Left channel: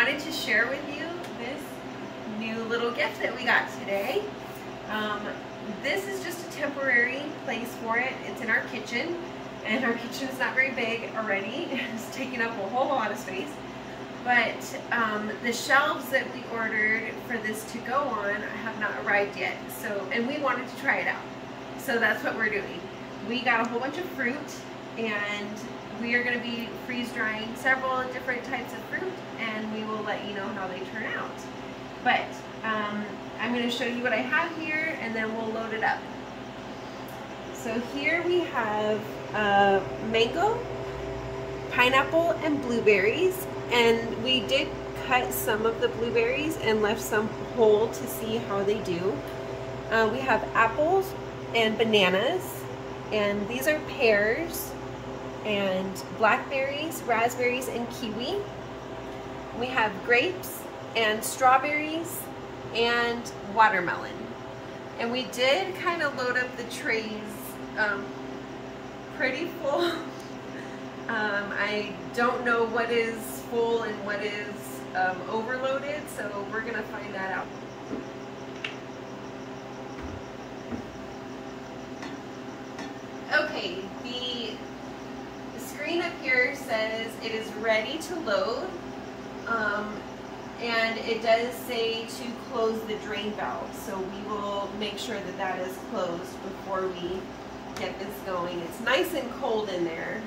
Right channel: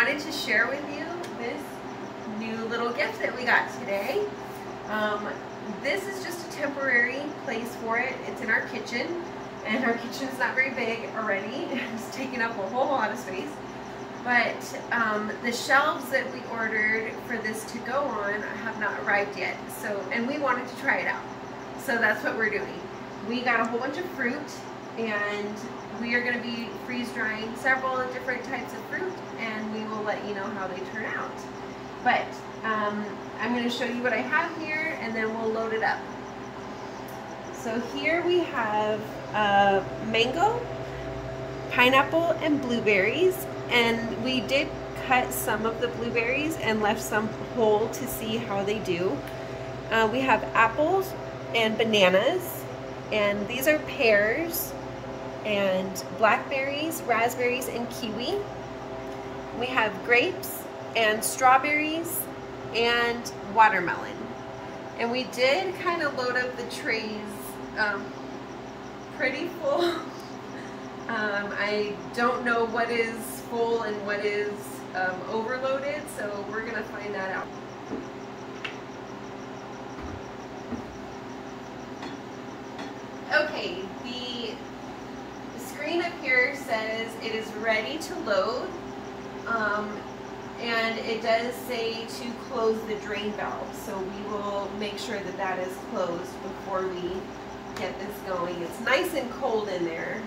wanted to share with you this new little gift that we got today. This is just a temporary place for it. It's in our kitchen, and our kitchen is not very big already. It's taking up a whole lot of space. But the shelves that we ordered for this to go on have not arrived yet. So, and we wanted to try it out. So that's what we're doing. We got a whole bunch of fruit, and we are going to be freeze drying several different types of fruit, and we will let you know how they turn out. But I'm going to show you what I have here, and then we'll load it up. So here we have mango, pineapple, and blueberries. And we did cut some of the blueberries and left some whole to see how they do. We have apples and bananas, and these are pears, and blackberries, raspberries, and kiwi. We have grapes and strawberries and watermelon. And we did kind of load up the trays pretty full. I don't know what is full and what is overloaded, so we're gonna find that out. Okay, the screen up here says it is ready to load, and it does say to close the drain valve, so we will make sure that that is closed before we get this going. It's nice and cold in there.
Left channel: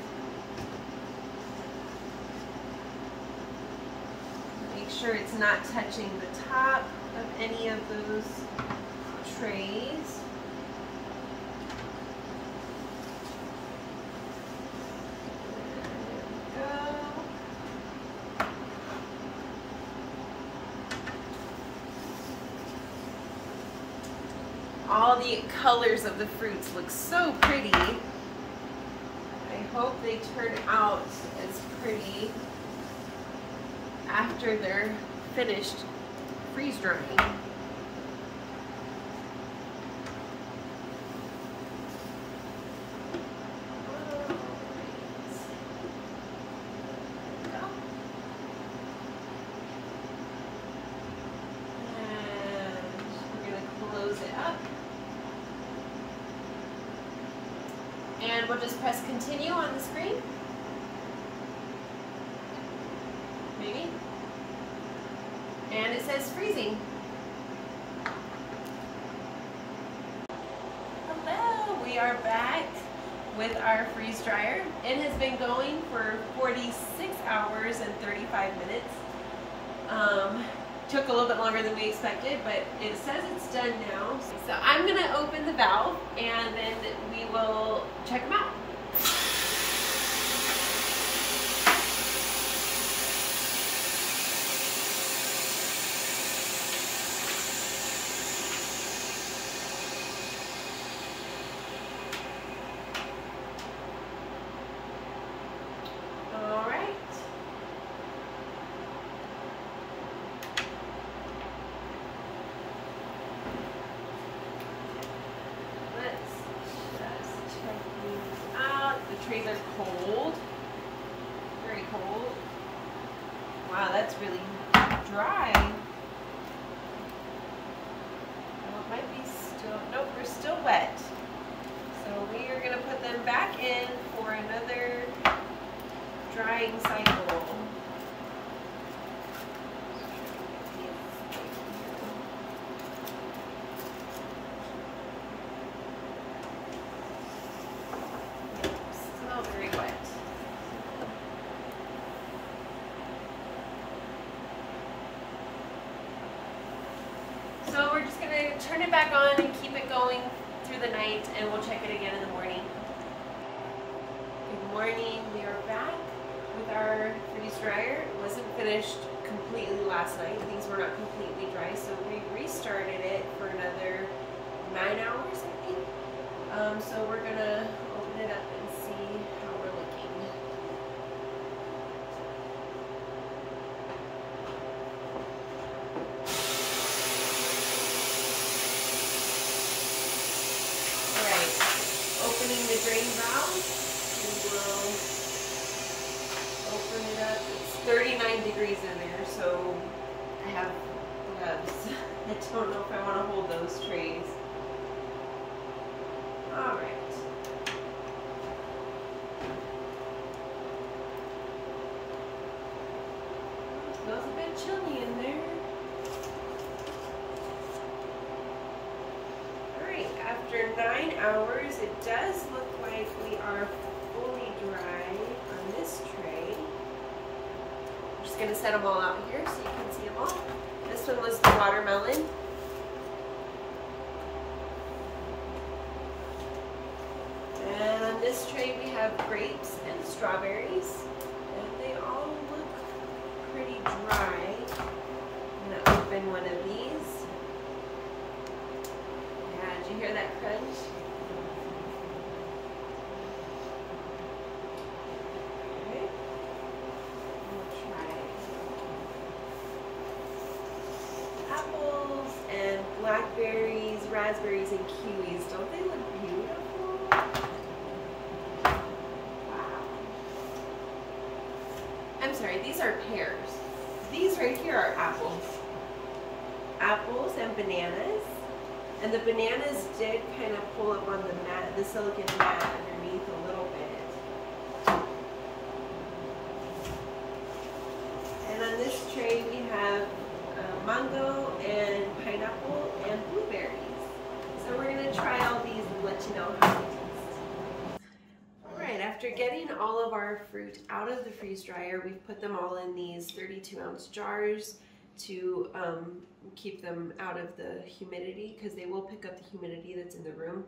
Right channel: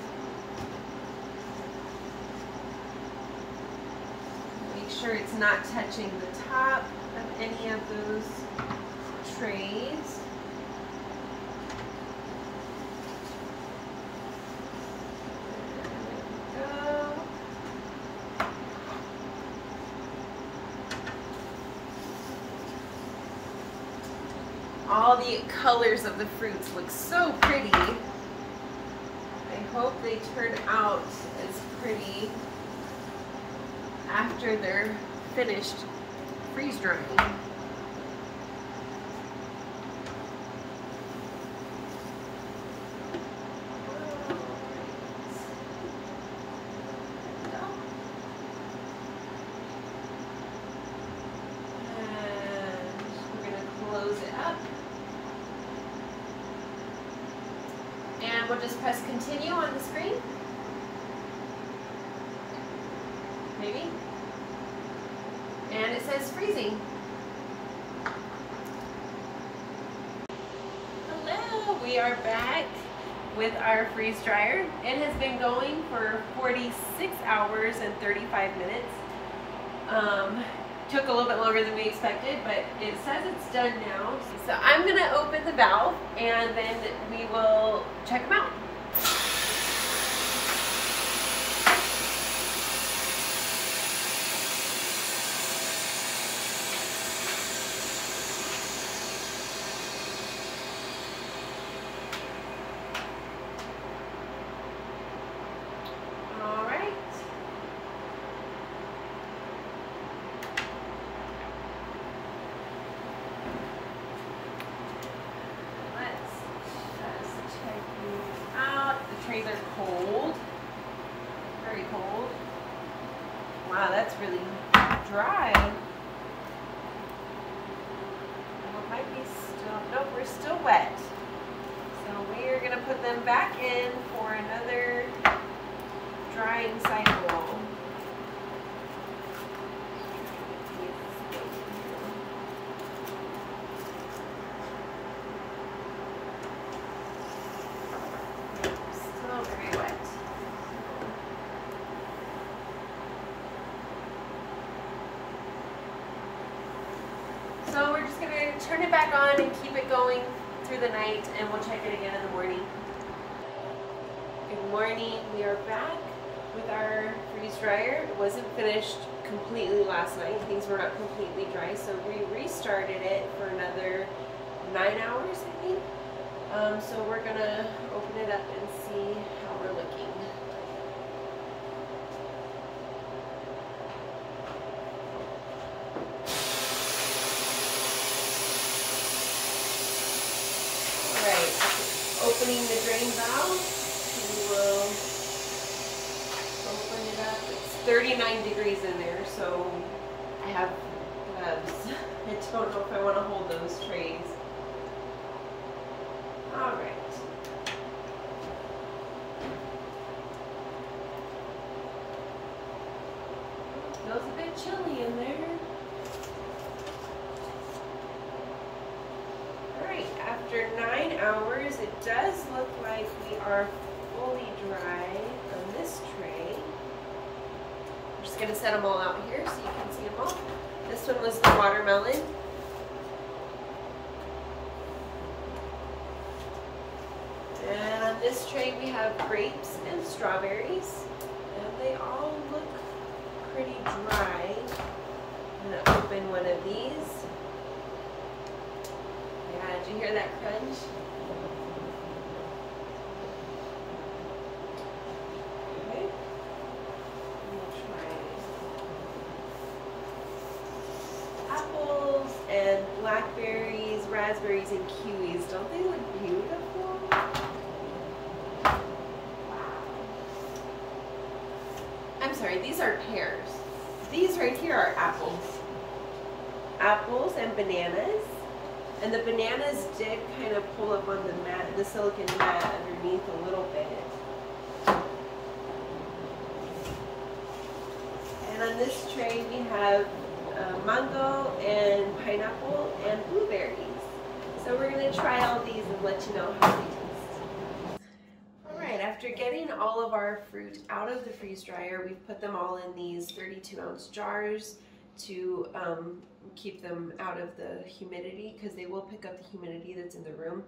Make sure it's not touching the top of any of those trays. All the colors of the fruits look so pretty. I hope they turn out as pretty after they're finished freeze drying. And we'll just press continue on the screen. Maybe. And it says freezing. Hello, we are back with our freeze dryer. It has been going for 46 hours and 35 minutes. Took a little bit longer than we expected, but it says it's done now. So I'm gonna open the valve and then we will check them out. Trays are cold, very cold. Wow, that's really dry. Oh, it might be still, nope, we're still wet. So we are gonna put them back in for another drying cycle. Very wet. So we're just going to turn it back on and keep it going through the night, and we'll check it again in the morning. Good morning. We are back with our freeze dryer. It wasn't finished completely last night. Things were not completely dry, so we restarted it for another 9 hours, I think. So we're going to open it up and see how we're looking. Right, opening the drain valve, we will open it up. It's 39 degrees in there, so I have gloves. I don't know if I want to hold those trays. All right. Feels a bit chilly in there. Alright, after 9 hours, it does look like we are fully dry on this tray. I'm just going to set them all out here so you can see them all. This one was the watermelon. And on this tray we have grapes and strawberries. And they all look pretty dry. I'm going to open one of these. Yeah, did you hear that crunch? Okay. We'll try apples and blackberries, raspberries, and kiwis. Don't they look beautiful? I'm sorry, these are pears. These right here are apples. Apples and bananas. And the bananas did kind of pull up on the mat, the silicone mat underneath a little bit. And on this tray we have mango and pineapple and blueberries. So we're going to try all these and let you know how they taste. Alright, after getting all of our fruit out of the freeze dryer, we've put them all in these 32-ounce jars to keep them out of the humidity, because they will pick up the humidity that's in the room.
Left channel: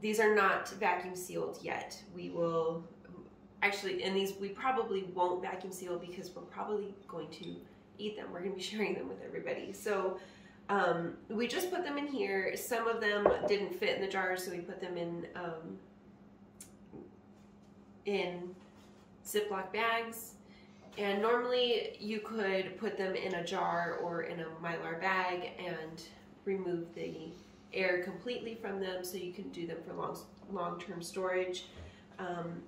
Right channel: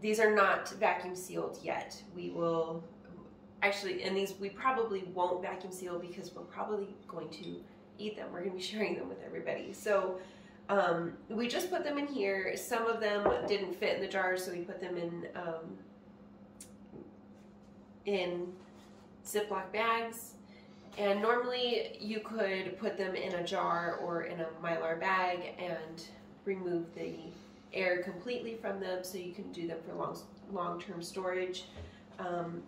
These are not vacuum sealed yet. We will actually, and these we probably won't vacuum seal because we're probably going to eat them. We're going to be sharing them with everybody. So we just put them in here. Some of them didn't fit in the jars, so we put them in Ziploc bags. And normally you could put them in a jar or in a Mylar bag and remove the air completely from them so you can do them for long-term storage.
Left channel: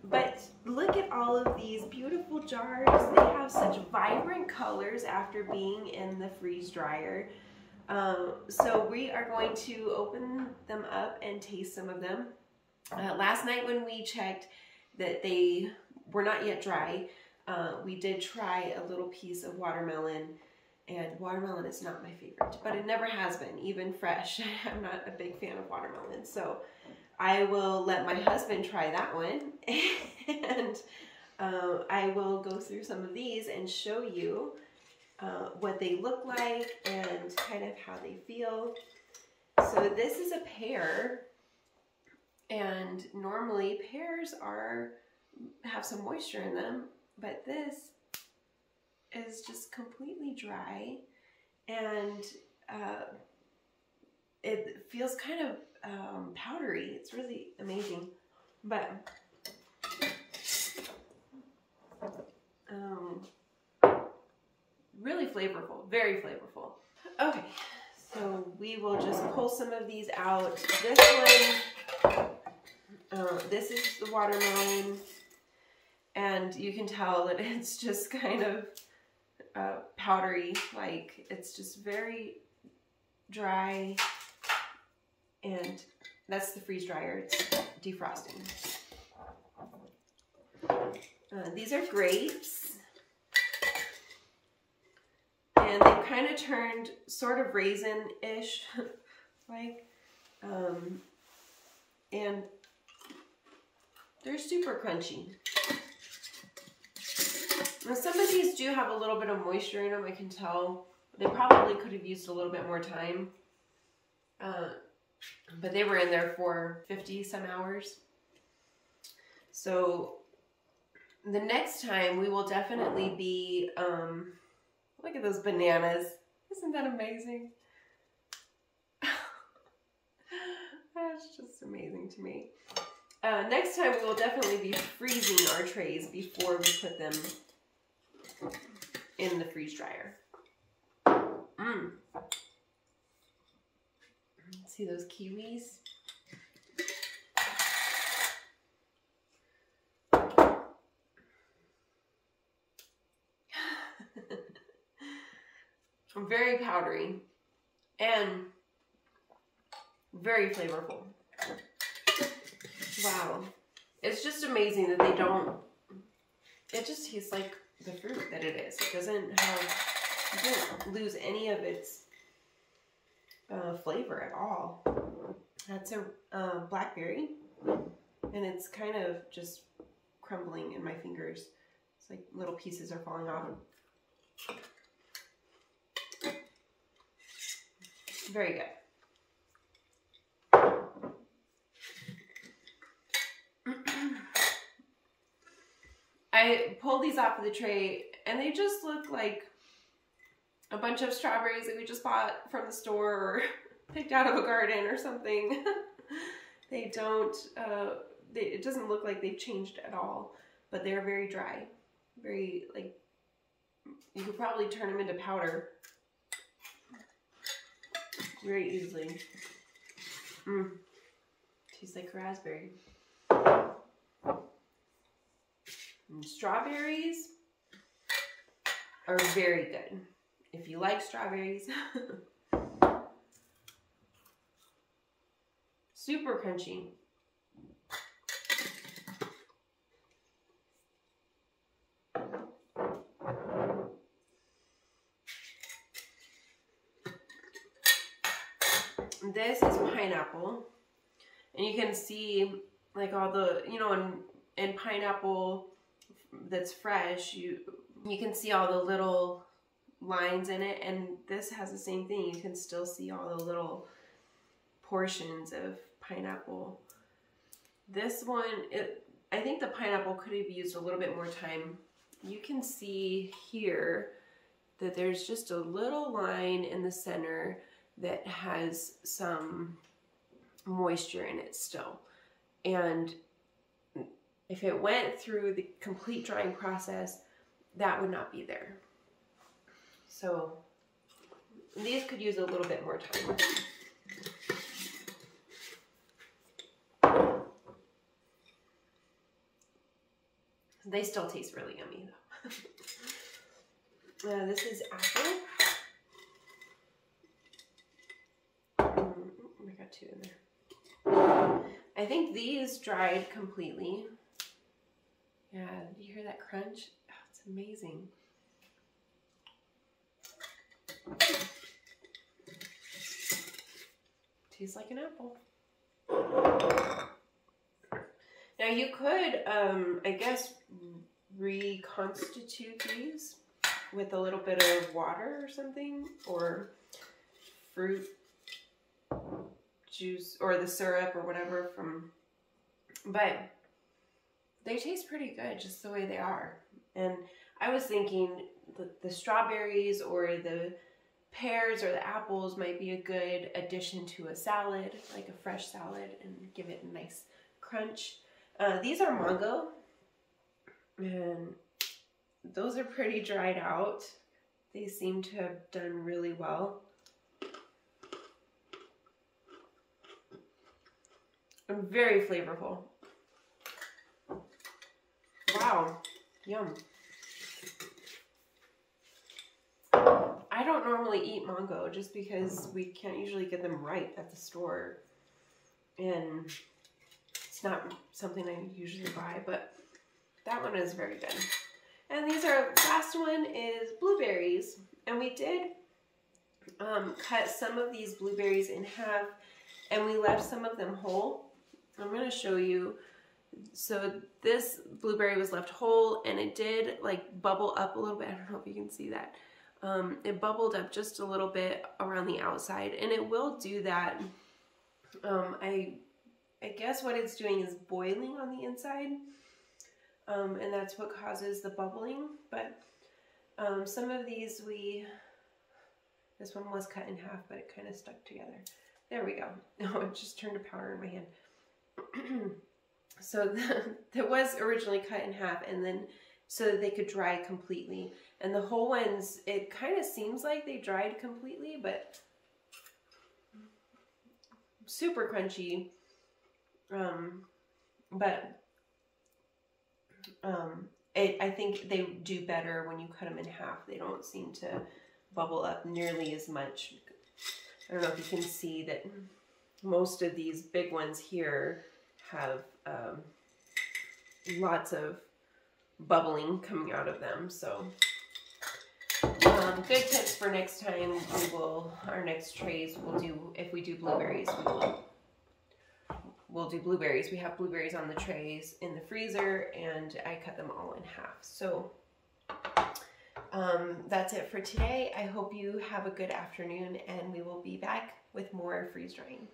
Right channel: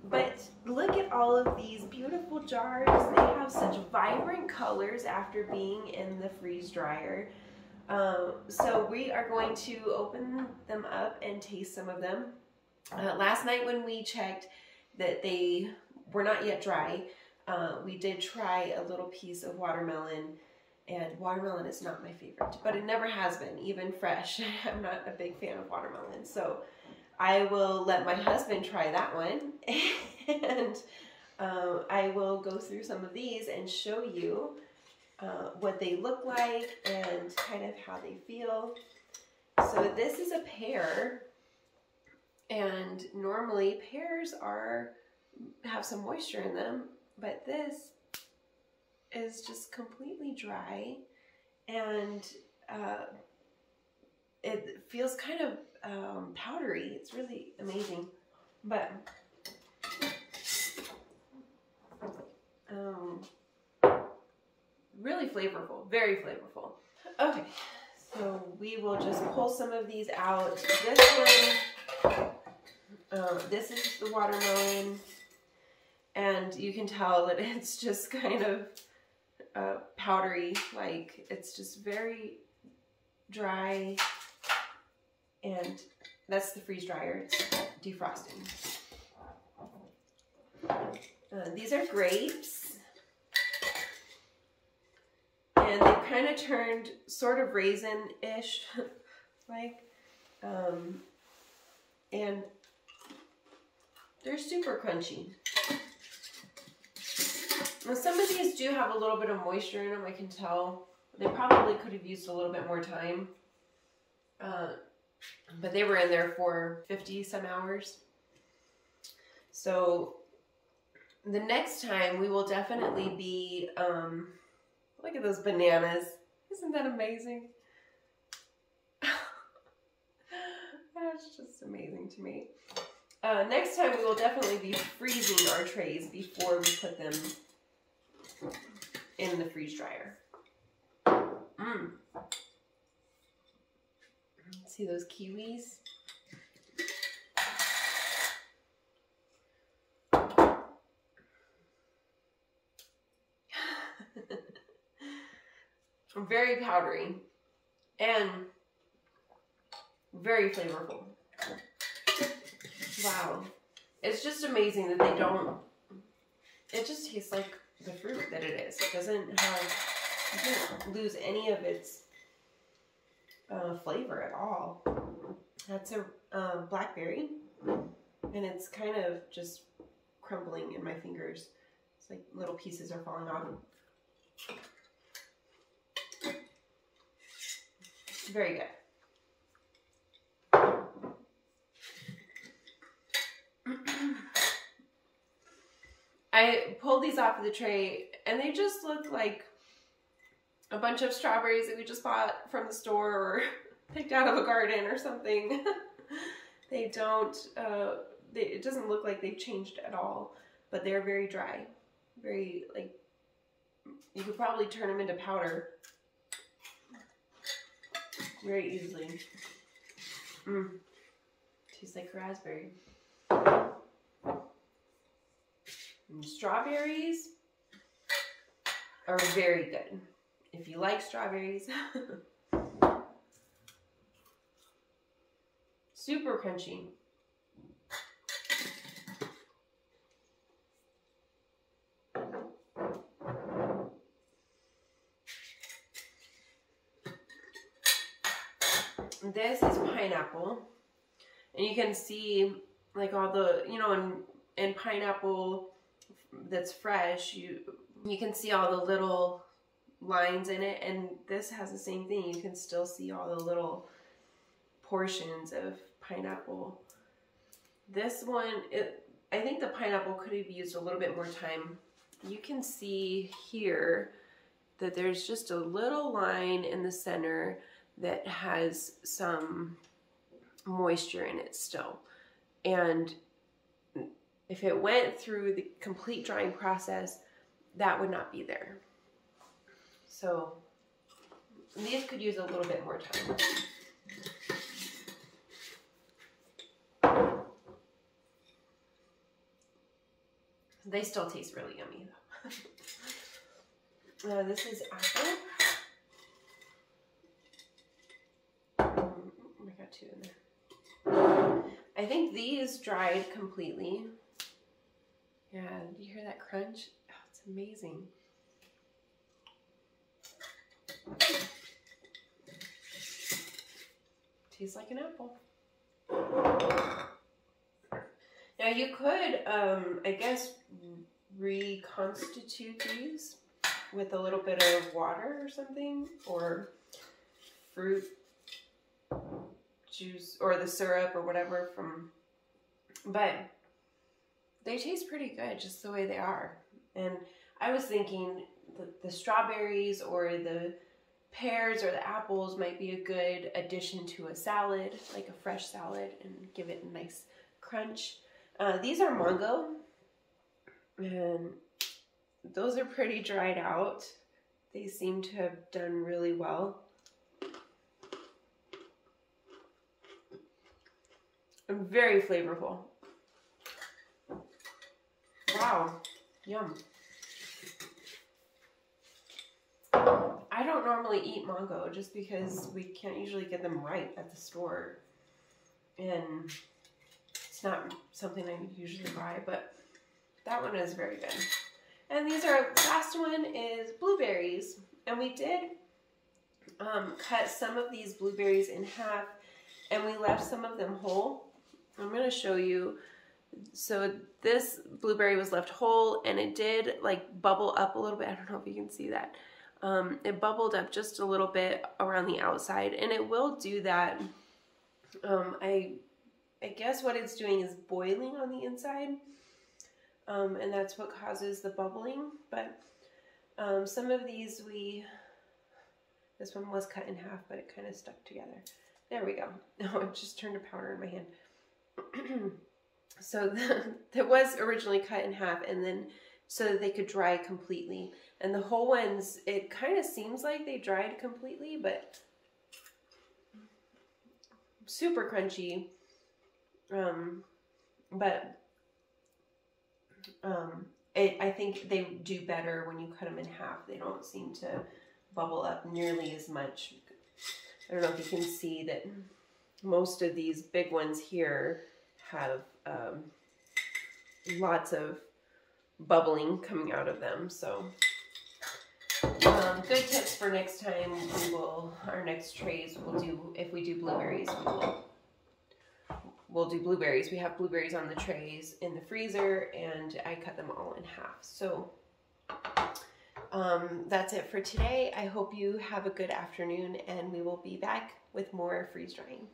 But look at all of these beautiful jars. They have such vibrant colors after being in the freeze dryer. So we are going to open them up and taste some of them. Last night when we checked that they were not yet dry, we did try a little piece of watermelon, and watermelon is not my favorite, but it never has been, even fresh. I'm not a big fan of watermelon, so I will let my husband try that one, and I will go through some of these and show you what they look like and kind of how they feel. So this is a pear, and normally pears have some moisture in them, but this is just completely dry, and it feels kind of powdery. It's really amazing, but really flavorful, very flavorful. Okay, so we will just pull some of these out. This one, this is the watermelon. And you can tell that it's just kind of powdery, like it's just very dry, and that's the freeze dryer, it's defrosting. These are grapes, and they've kind of turned sort of raisin-ish, like, and they're super crunchy. Now some of these do have a little bit of moisture in them, I can tell. They probably could have used a little bit more time. But they were in there for 50 some hours. So the next time we will definitely be, look at those bananas. Isn't that amazing? That's just amazing to me. Next time we will definitely be freezing our trays before we put them in the freeze dryer. See those kiwis? very powdery, and very flavorful. Wow. It's just amazing that they don't, it just tastes like the fruit that it is. It doesn't lose any of its flavor at all. That's a blackberry, and it's kind of just crumbling in my fingers. It's like little pieces are falling off. Very good. I pulled these off of the tray, and they just look like a bunch of strawberries that we just bought from the store or picked out of a garden or something. They don't, it doesn't look like they've changed at all, but they're very dry. Very, like, you could probably turn them into powder very easily. Tastes like raspberry. And strawberries are very good. If you like strawberries. Super crunchy. This is pineapple, and you can see like all the, you know, in pineapple that's fresh, you can see all the little lines in it, and this has the same thing. You can still see all the little portions of pineapple. This one, I think the pineapple could have used a little bit more time. You can see here that there's just a little line in the center that has some moisture in it still. And if it went through the complete drying process, that would not be there. So these could use a little bit more time. They still taste really yummy though. This is apple. I got two in there. I think these dried completely. Yeah, do you hear that crunch? Oh, it's amazing. Tastes like an apple. Now you could, I guess, reconstitute these with a little bit of water or something, or fruit juice, or the syrup or whatever from, but they taste pretty good just the way they are. And I was thinking the strawberries or the pears or the apples might be a good addition to a salad, like a fresh salad, and give it a nice crunch. These are mango, and those are pretty dried out. They seem to have done really well. And very flavorful. Wow, yum. I don't normally eat mango just because we can't usually get them ripe at the store. And it's not something I usually buy, but that one is very good. And these are, last one is blueberries. And we did cut some of these blueberries in half, and we left some of them whole. I'm going to show you. So this blueberry was left whole, and it did like bubble up a little bit. I don't know if you can see that. It bubbled up just a little bit around the outside, and it will do that. I guess what it's doing is boiling on the inside, and that's what causes the bubbling. But some of these this one was cut in half, but it kind of stuck together. There we go. Oh, it just turned to powder in my hand. So that was originally cut in half, and then so that they could dry completely. And the whole ones, it kind of seems like they dried completely, but super crunchy. I think they do better when you cut them in half. They don't seem to bubble up nearly as much. I don't know if you can see that most of these big ones here have lots of bubbling coming out of them. So good tips for next time. Our next trays we'll do, if we do blueberries, we'll do blueberries. We have blueberries on the trays in the freezer, and I cut them all in half. So that's it for today. I hope you have a good afternoon, and we will be back with more freeze drying.